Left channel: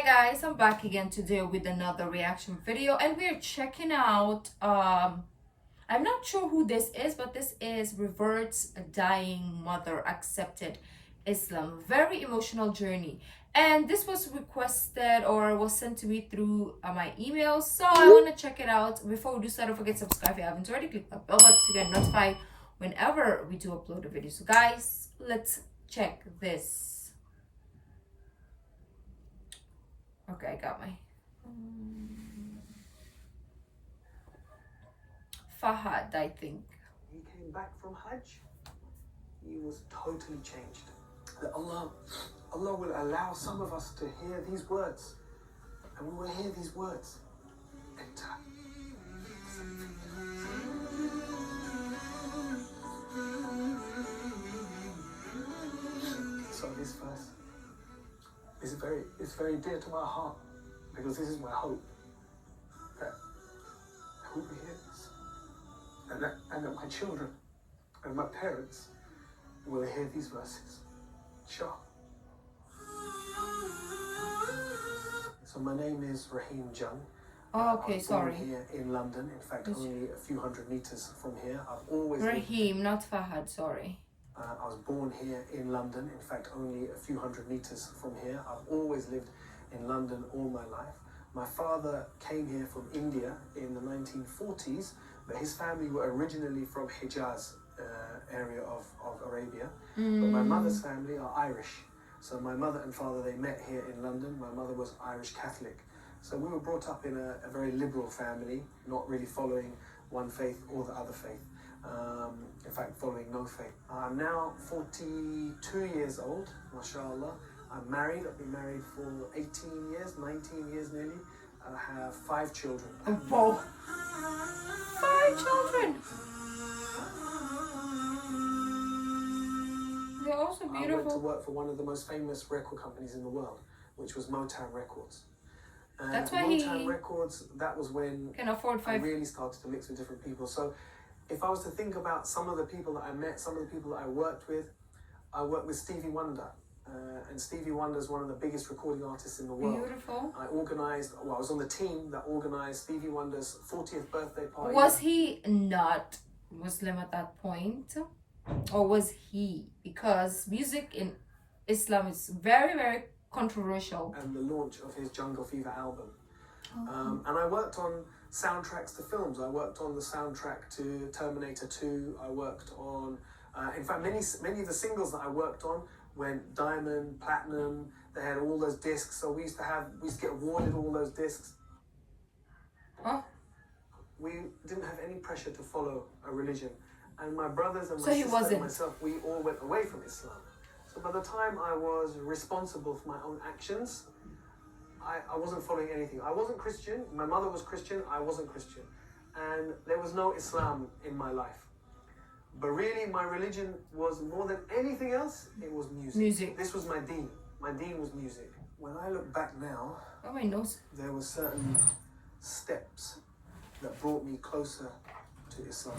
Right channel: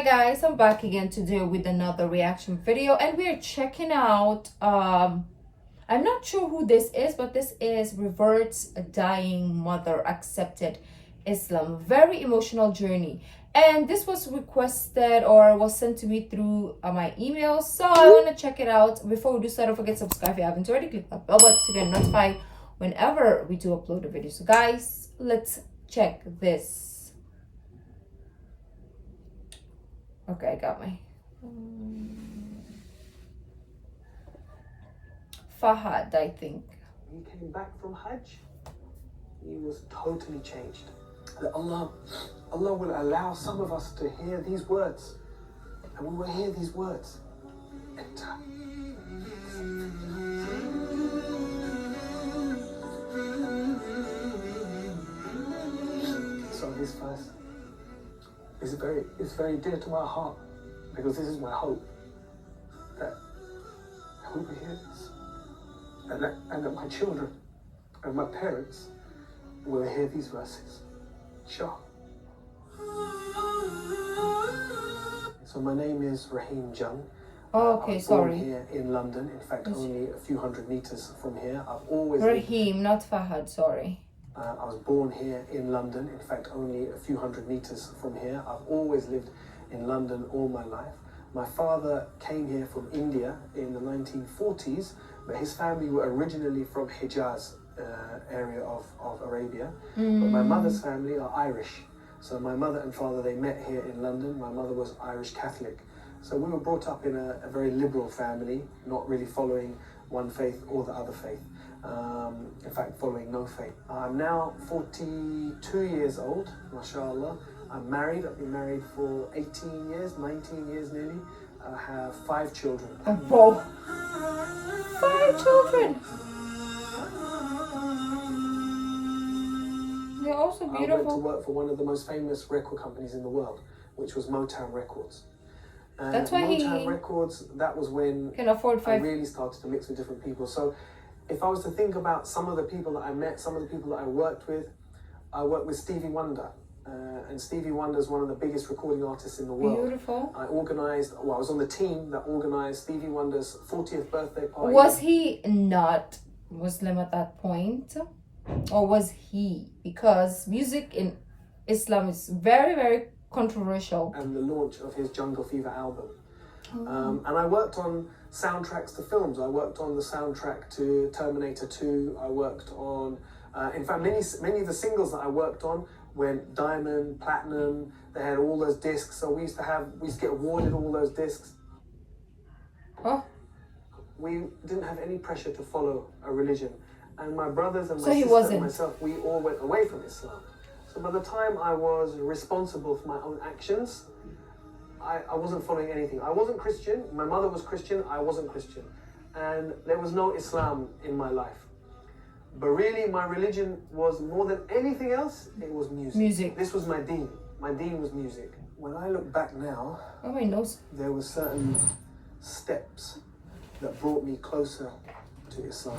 Hi guys, I'm back again today with another reaction video, and we're checking out I'm not sure who this is, but this is Reverts, a dying mother accepted Islam. Very emotional journey, and this was requested or was sent to me through my email, so I want to check it out. Before we do so, don't forget to subscribe if you haven't already. Click that bell button to get notified whenever we do upload a video. So guys, let's check this. Okay, I got my Fahad, I think. He came back from Hajj. He was totally changed. Allah will allow some of us to hear these words, and we will hear these words enter. So this verse is very dear to my heart, because this is my hope that I will hear this, and that my children and my parents will hear these verses. Inshallah. So my name is Raheem Jung. Oh, okay, I was sorry. born here in London. In fact, only a few hundred meters from here. I've always Raheem, not Fahad, sorry. I was born here in London. In fact, only a few hundred meters from here. I've always lived in London all my life. My father came here from India in the 1940s, but his family were originally from Hijaz area of Arabia. But my mother's family are Irish. So my mother and father, they met here in London. My mother was Irish Catholic. So we were brought up in a very liberal family, not really following one faith or the other faith. In fact, following no faith. I'm now 42 years old, mashallah. I'm married. I've been married for 18 years, 19 years nearly. I have 5 children. Whoa. 5 children! They're also beautiful. I went to work for one of the most famous record companies in the world, which was Motown Records. And that's why Motown Records, that was when can afford 5. I really started to mix with different people. So if I was to think about some of the people that I met, some of the people that I worked with Stevie Wonder. And Stevie Wonder is one of the biggest recording artists in the world. Beautiful. I was on the team that organized Stevie Wonder's 40th birthday party. Was he not Muslim at that point? Or was he? Because music in Islam is very, very controversial. And the launch of his Jungle Fever album. And I worked on soundtracks to films. I worked on the soundtrack to Terminator 2. I worked on, in fact, many of the singles that I worked on went diamond, platinum. They had all those discs. So we used to get awarded all those discs. Oh. We didn't have any pressure to follow a religion. And my brothers and my sister and myself, we all went away from Islam. So by the time I was responsible for my own actions, I wasn't following anything. I wasn't Christian. My mother was Christian. I wasn't Christian. And there was no Islam in my life. But really, my religion was, more than anything else, it was music. This was my deen. My deen was music. When I look back now, oh, my nose. There were certain steps that brought me closer to Islam.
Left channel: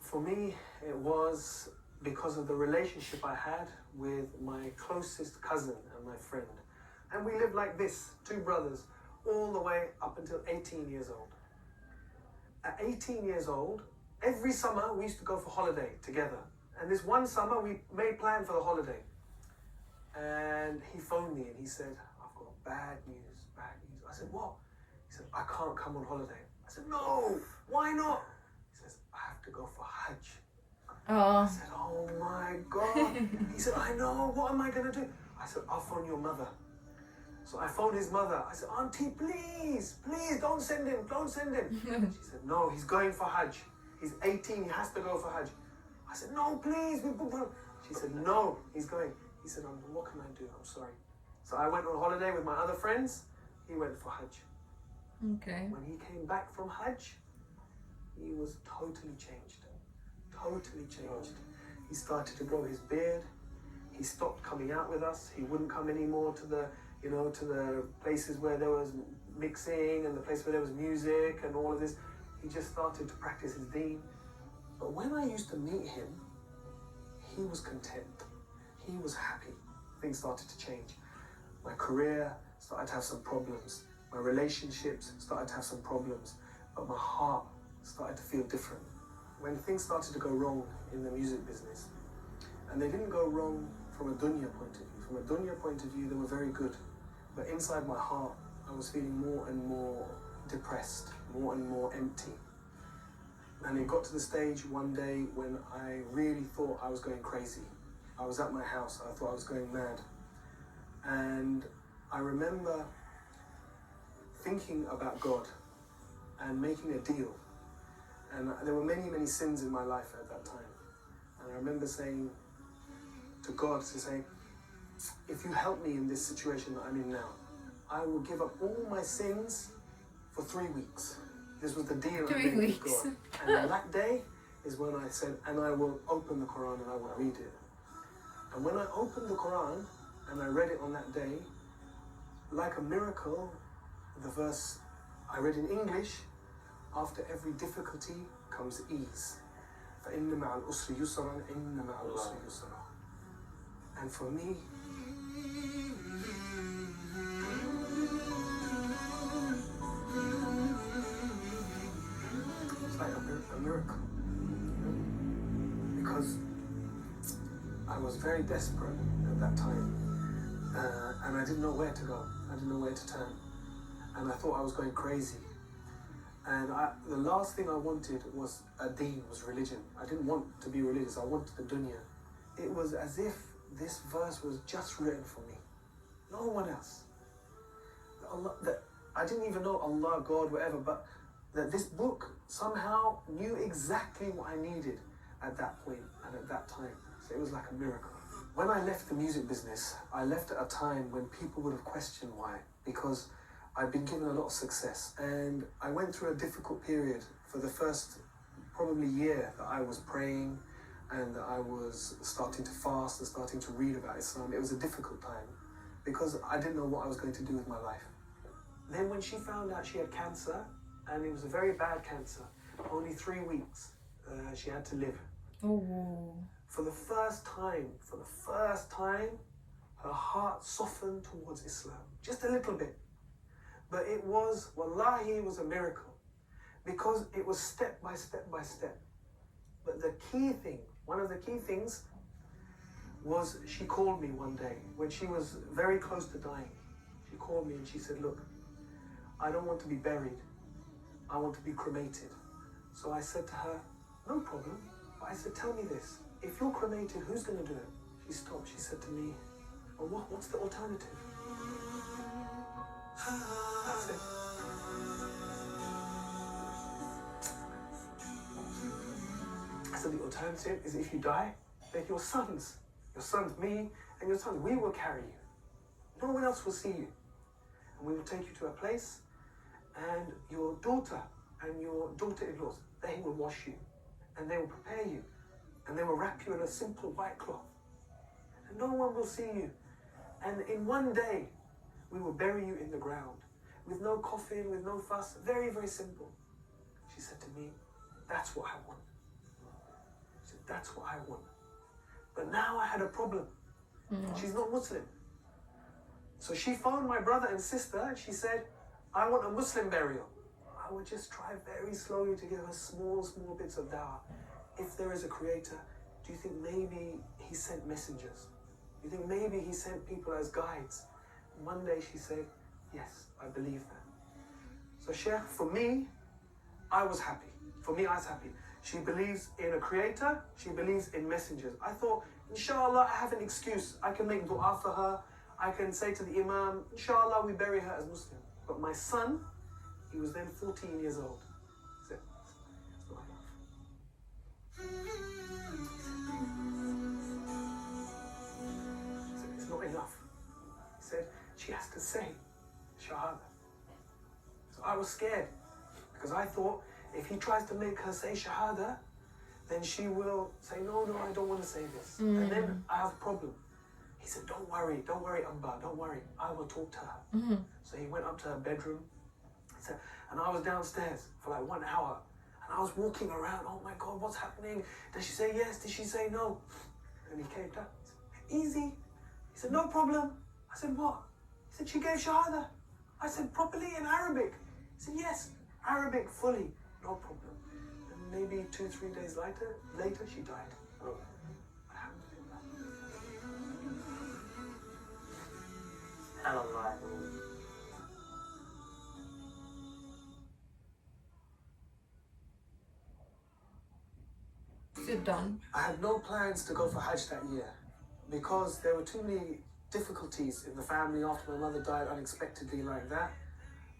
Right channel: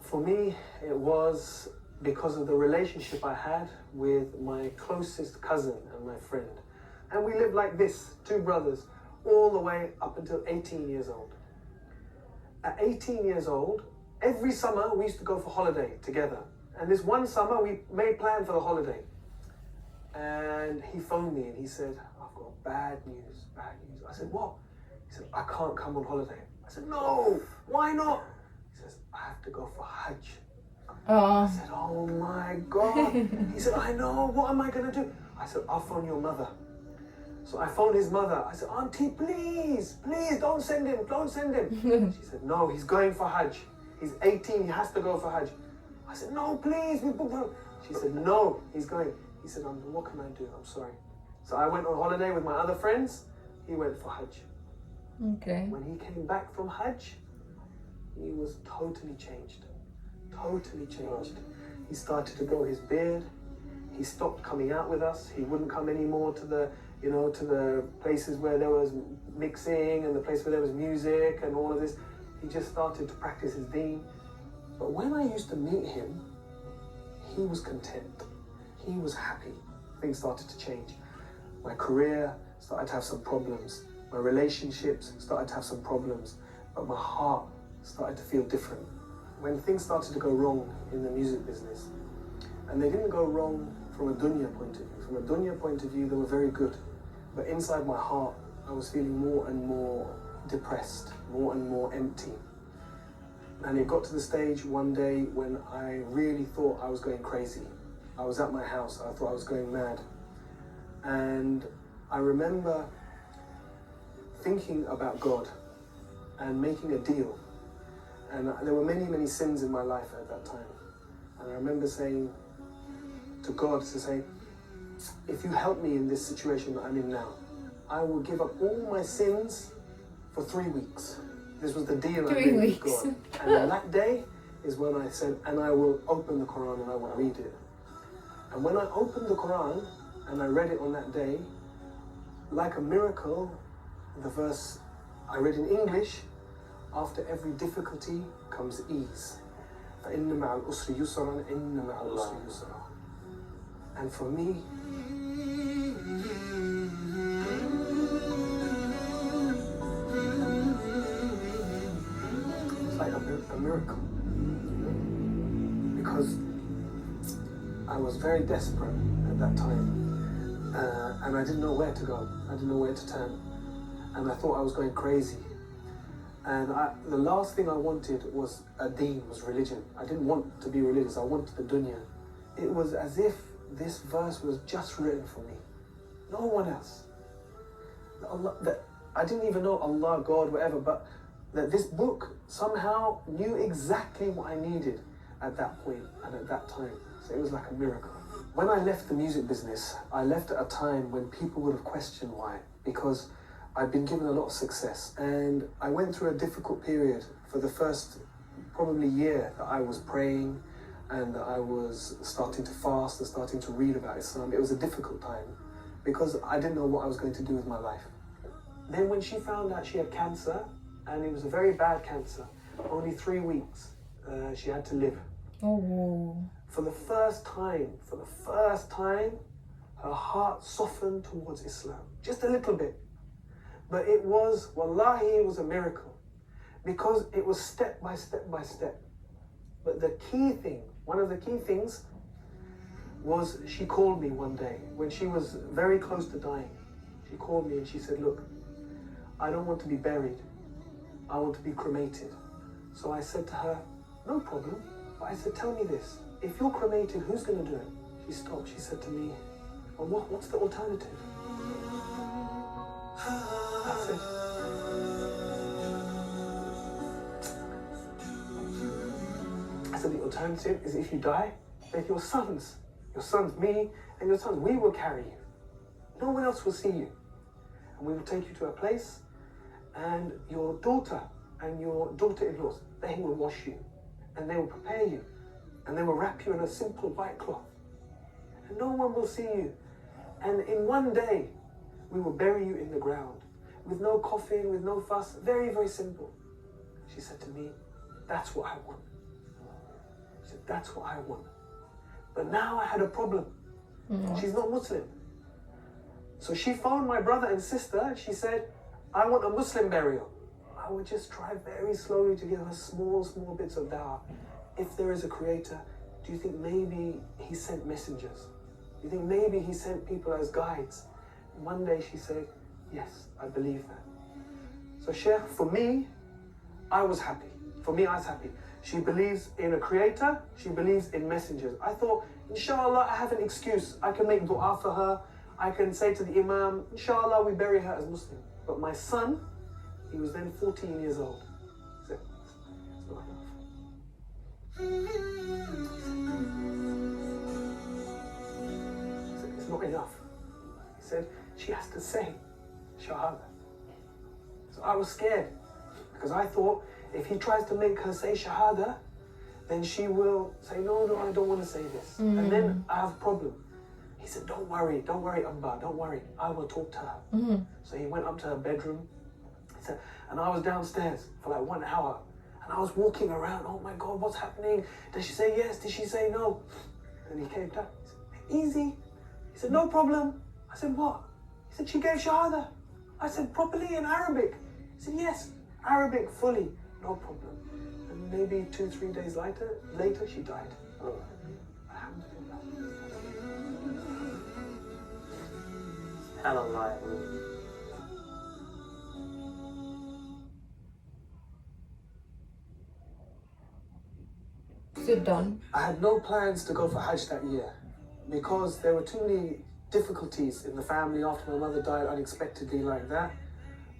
For me, it was because of the relationship I had with my closest cousin and my friend. And we lived like this, 2 brothers, all the way up until 18 years old. At 18 years old, every summer we used to go for holiday together. And this one summer we made plan for the holiday. And he phoned me and he said, I've got bad news. I said, what? He said, I can't come on holiday. I said, no, why not? He says, I have to go for Hajj. I said, oh my God. He said, I know, what am I going to do? I said, I'll phone your mother. So I phoned his mother. I said, Auntie, please, don't send him. She said, no, he's going for Hajj. He's 18, he has to go for Hajj. I said, no, please. She said, no, he's going. He said, what can I do? I'm sorry. So I went on holiday with my other friends. He went for Hajj. Okay. When he came back from Hajj, he was totally changed. Totally changed. He started to grow his beard. He stopped coming out with us. He wouldn't come anymore to the places where there was mixing and the place where there was music and all of this. He just started to practice his deen. But when I used to meet him, he was content. He was happy. Things started to change. My career started to have some problems. My relationships started to have some problems, but my heart started to feel different. When things started to go wrong in the music business, and they didn't go wrong from a dunya point of view. From a dunya point of view, they were very good. But inside my heart, I was feeling more and more depressed, more and more empty. And it got to the stage one day when I really thought I was going crazy. I was at my house, I thought I was going mad. And I remember thinking about God and making a deal. And there were many, many sins in my life at that time. And I remember saying to God, to say, if you help me in this situation that I'm in now, I will give up all my sins for 3 weeks. This was the deal I made with God. And on that day is when I said, and I will open the Quran and I will read it. And when I opened the Quran and I read it on that day, like a miracle, the verse I read in English, after every difficulty comes ease. فَإِنَّ مَعَ الْأُسْرِ يُسْرًا إِنَّ مَعَ الْأُسْرِ يُسْرًا. And for me, it's like a miracle. Because I was very desperate at that time. And I didn't know where to go. I didn't know where to turn. And I thought I was going crazy. And the last thing I wanted was a deen, was religion. I didn't want to be religious, I wanted the dunya. It was as if this verse was just written for me. No one else. That I didn't even know Allah, God, whatever, but that this book somehow knew exactly what I needed at that point and at that time. So it was like a miracle. When I left the music business, I left at a time when people would have questioned why. Because I'd been given a lot of success, and I went through a difficult period for the first probably year that I was praying and that I was starting to fast and starting to read about Islam. It was a difficult time because I didn't know what I was going to do with my life. Then when she found out she had cancer, and it was a very bad cancer, only 3 weeks she had to live. Oh. For the first time, her heart softened towards Islam, just a little bit. But it was, wallahi, it was a miracle because it was step by step by step. But the key thing, one of the key things was she called me one day when she was very close to dying. She called me and she said, look, I don't want to be buried. I want to be cremated. So I said to her, no problem. But I said, tell me this, if you're cremated, who's going to do it? She stopped. She said to me, well, what's the alternative? That's it. I said, the alternative is if you die, then your sons, me, and your sons, we will carry you. No one else will see you. And we will take you to a place, and your daughter and your daughter-in-laws, they will wash you, and they will prepare you, and they will wrap you in a simple white cloth. And no one will see you. And in one day, we will bury you in the ground with no coffin, with no fuss, very, very simple. She said to me, that's what I want. She said, that's what I want. But now I had a problem. She's not Muslim. So she phoned my brother and sister and she said, I want a Muslim burial. I would just try very slowly to give her small bits of dawah. If there is a creator, do you think maybe he sent messengers? Do you think maybe he sent people as guides? One day she said, yes, I believe that. So Sheikh, for me, I was happy. For me, I was happy. She believes in a creator. She believes in messengers. I thought, inshallah, I have an excuse. I can make dua for her. I can say to the imam, inshallah, we bury her as Muslim. But my son, he was then 14 years old. He said, it's not enough. He said, it's not enough. He said, she has to say Shahada. So I was scared because I thought if he tries to make her say Shahada, then she will say, no, I don't want to say this. And then I have a problem. He said, don't worry, Abba, don't worry. I will talk to her. So he went up to her bedroom. He said, and I was downstairs for like 1 hour. And I was walking around, oh my God, what's happening? Did she say yes? Did she say no? And he came down. He said, easy. He said, no problem. I said, what? He said, she gave Shahada. I said, properly in Arabic? He said, yes, Arabic fully, no problem. And maybe 2-3 days later she died. Alhamdulillah. SubhanAllah. Sit down. I had no plans to go for Hajj that year because there were too many difficulties in the family after my mother died unexpectedly like that.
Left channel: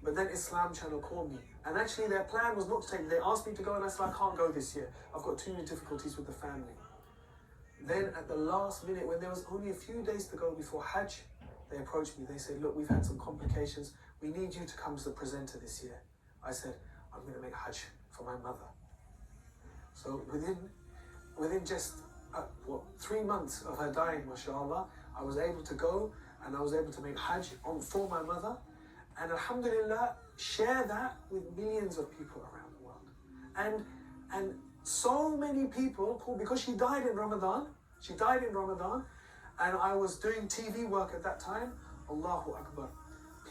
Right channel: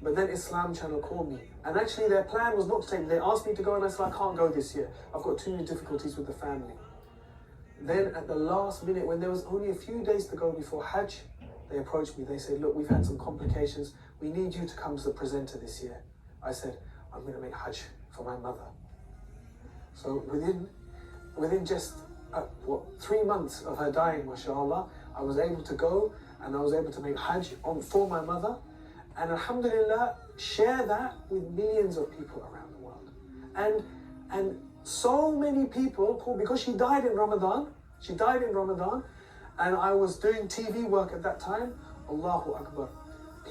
But then Islam Channel called me. And actually their plan was not to take me. They asked me to go and I said, I can't go this year. I've got too many difficulties with the family. Then at the last minute, when there was only a few days to go before Hajj, they approached me. They said, look, we've had some complications. We need you to come as the presenter this year. I said, I'm going to make Hajj for my mother. So within just 3 months of her dying, mashallah, I was able to go and I was able to make Hajj for my mother. And alhamdulillah, share that with millions of people around the world. And so many people called, because she died in Ramadan, and I was doing TV work at that time, Allahu Akbar.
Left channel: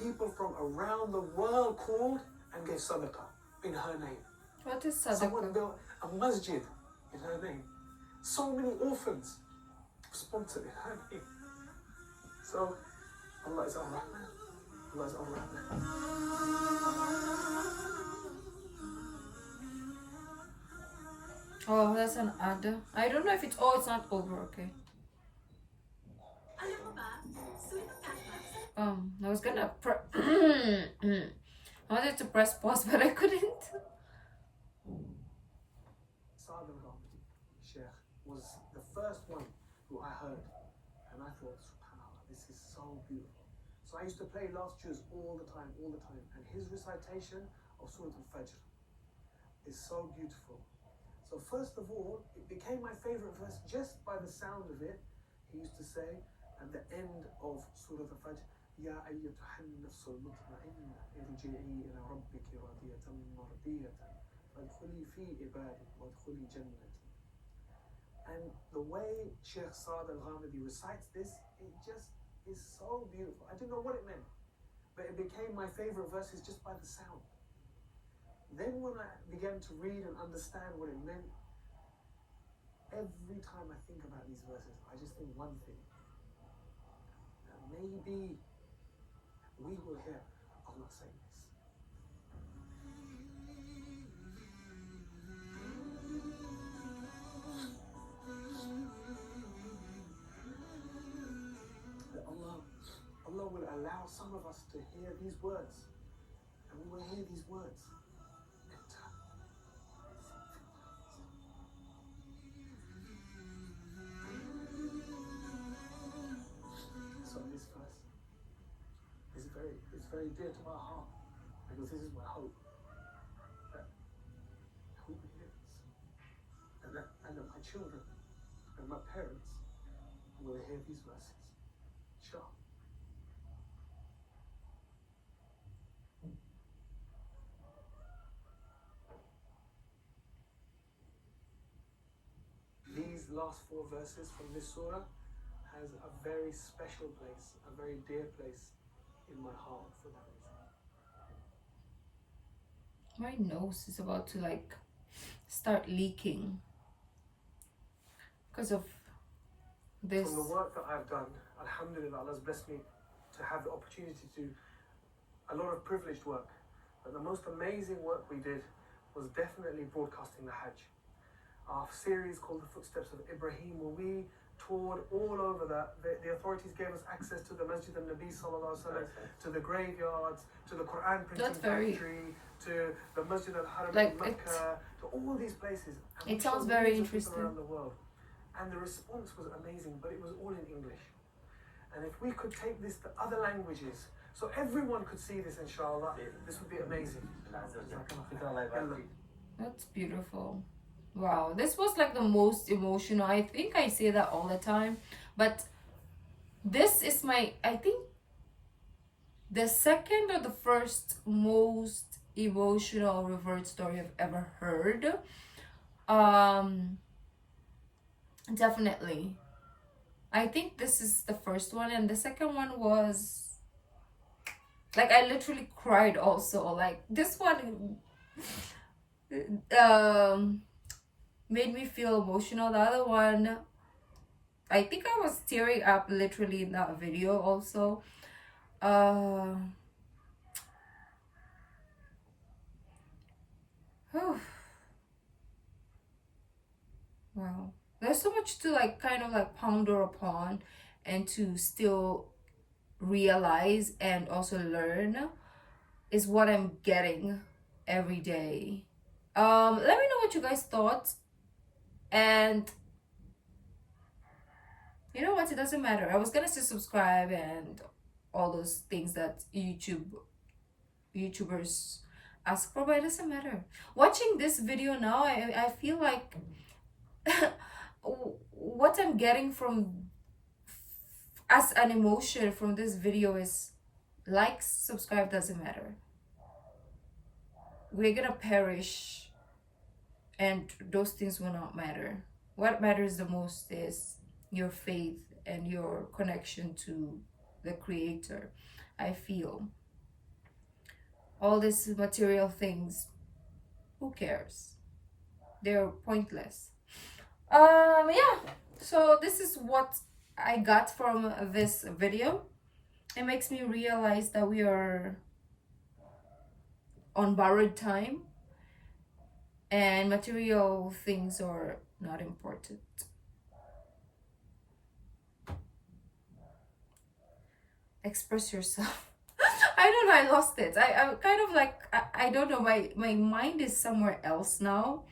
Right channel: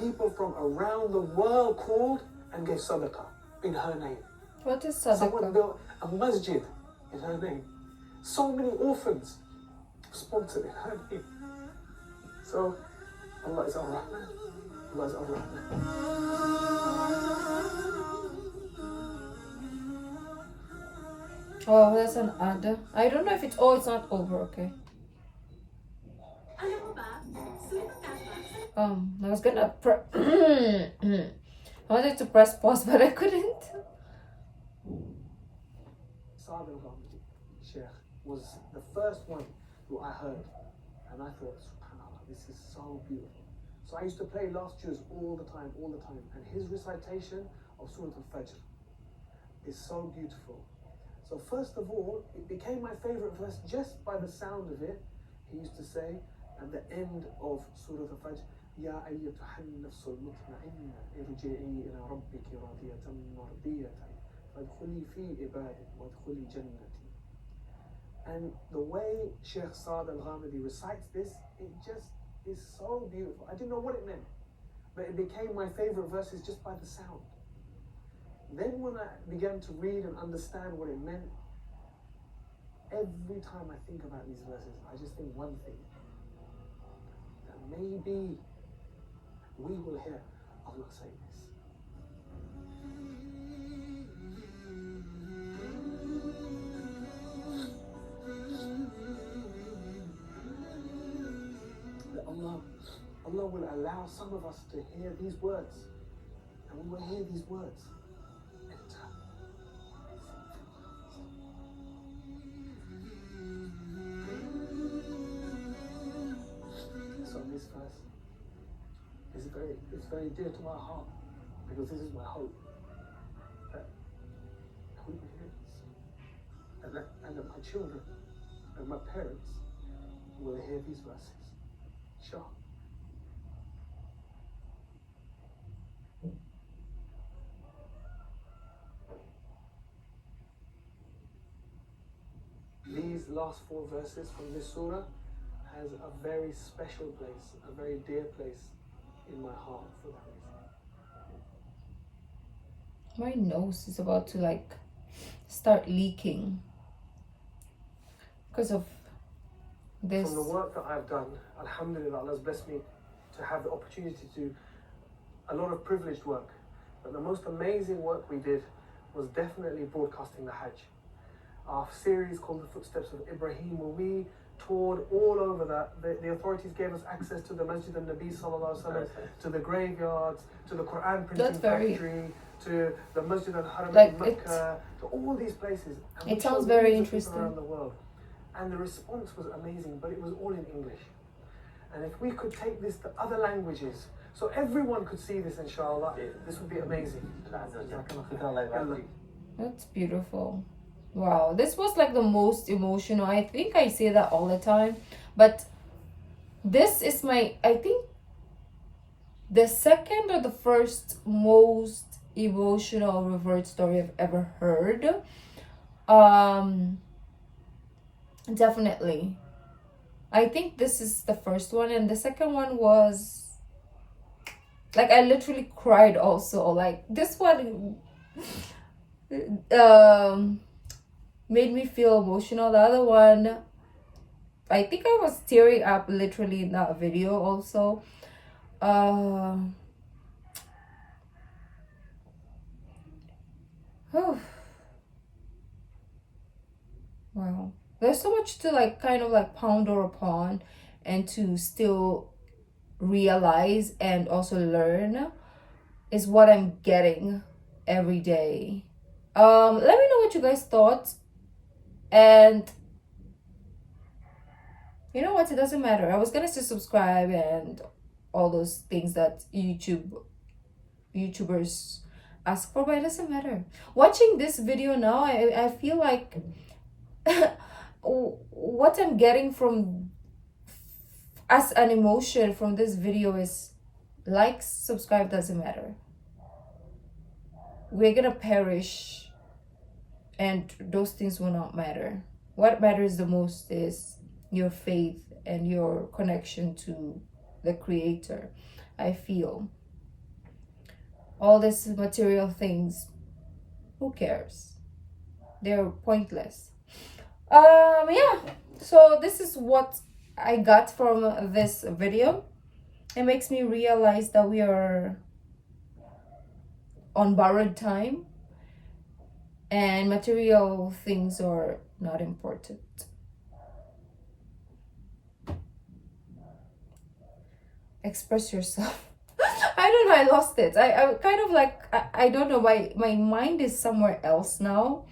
People from around the world called and gave sadaqah in her name. What is Someone sadaqah? built a masjid in her name. So many orphans sponsored in her name. So, Allah is Ar-Rahman. Allah is Ar-Rahman. Oh, that's an ad. I don't know if it's... Oh, it's not over, okay. I was gonna I wanted to press pause, but I couldn't. Shahada Sheikh was the first one who I heard, and I thought, subhanAllah, this is so beautiful. So I used to play last juz all the time, and his recitation of Surah Al-Fajr is so beautiful. So first of all, it became my favorite verse just by the sound of it. He used to say at the end of Surah Al-Fajr, يا أيتها النفس المطمئنة ارجعي إلى ربك راضية مرضية فادخلي في عبادي وادخلي جنتي. And the way Sheikh Saad Al-Ghamidi recites this, it just is so beautiful. I didn't know what it meant, but it became my favorite verses just by the sound. Then when I began to read and understand what it meant, every time I think about these verses, I just think one thing, that maybe we will hear Allah say this. That Allah will allow some of us to hear these words, and we will hear these words. So this verse is very dear to my heart, because this is my hope, that we will hear this, and that my children and my parents will hear these verses. Inshallah. These last 4 verses from this surah has a very special place, a very dear place in my heart for that reason. My nose is about to like start leaking because of this. From the work that I've done, alhamdulillah, Allah's blessed me to have the opportunity to do a lot of privileged work. But the most amazing work we did was definitely broadcasting the Hajj. Our series called The Footsteps of Ibrahim, where we toured all over that. The authorities gave us access to the Masjid al-Nabi sallallahu alaihi wasallam, to the graveyards, to the Quran printing factory, to the Masjid al-Haram in Mecca, to all these places. And it sounds very interesting. Around the world. And the response was amazing, but it was all in English. And if we could take this to other languages, so everyone could see this, inshallah, this would be amazing. That's beautiful. Wow, this was like the most emotional. I think I say that all the time, but this is I think the second or the first most emotional revert story I've ever heard. Definitely. I think this is the first one, and the second one was Like I literally cried also. Like this one made me feel emotional. The other one, I think I was tearing up literally in that video also. Wow. There's so much to like kind of like ponder upon and to still realize and also learn is what I'm getting every day. Let me know what you guys thought. And you know what? It doesn't matter. I was gonna say subscribe and all those things that YouTubers ask for, but it doesn't matter. Watching this video now, I feel like what I'm getting from as an emotion from this video is likes, subscribe, doesn't matter. We're gonna perish and those things will not matter. What matters the most is your faith and your connection to the Creator. I feel all these material things, who cares? They're pointless. Yeah, so this is what I got from this video. It makes me realize that we are on borrowed time and material things are not important. Express yourself. I don't know, I lost it. I kind of like, I don't know, my mind is somewhere else now.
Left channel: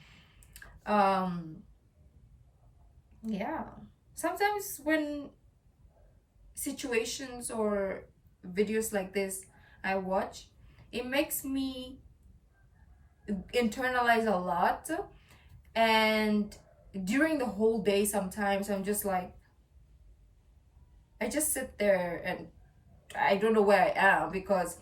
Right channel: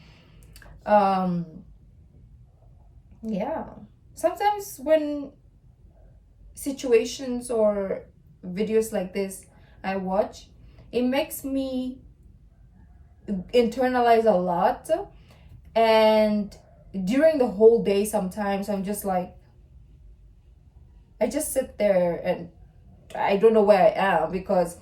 Yeah, sometimes when situations or videos like this I watch, it makes me internalize a lot, and during the whole day sometimes I'm just like, I just sit there and I don't know where I am because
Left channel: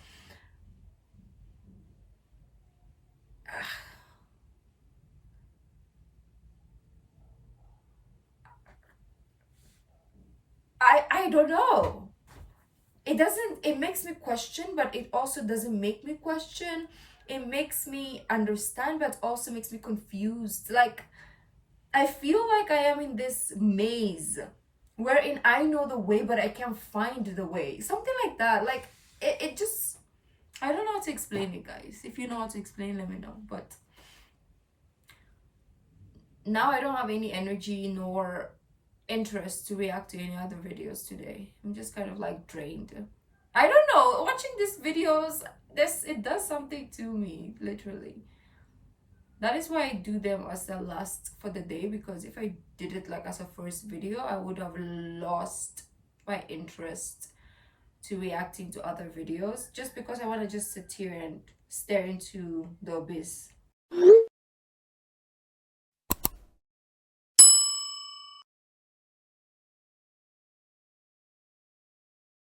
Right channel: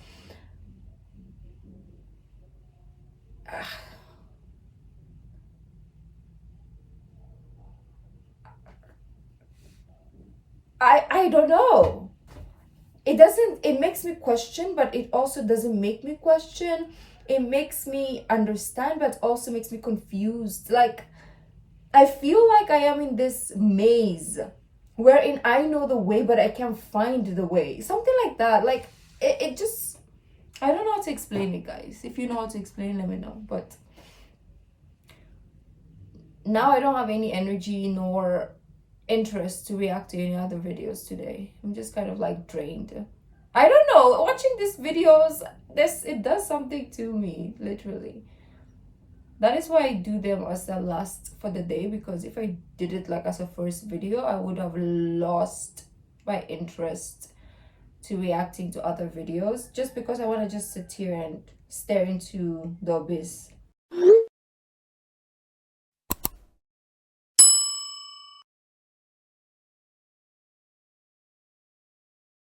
I don't know. It makes me question, but it also doesn't make me question. It makes me understand, but also makes me confused. Like, I feel like I am in this maze wherein I know the way, but I can't find the way. Something like that. Like, it just, I don't know how to explain it, guys. If you know how to explain, let me know. But now I don't have any energy nor interest to react to any other videos today. I'm just kind of like drained. I don't know, watching these videos, it does something to me, literally. That is why I do them as the last for the day, because if I did it like as a first video, I would have lost my interest to reacting to other videos, just because I want to just sit here and stare into the abyss.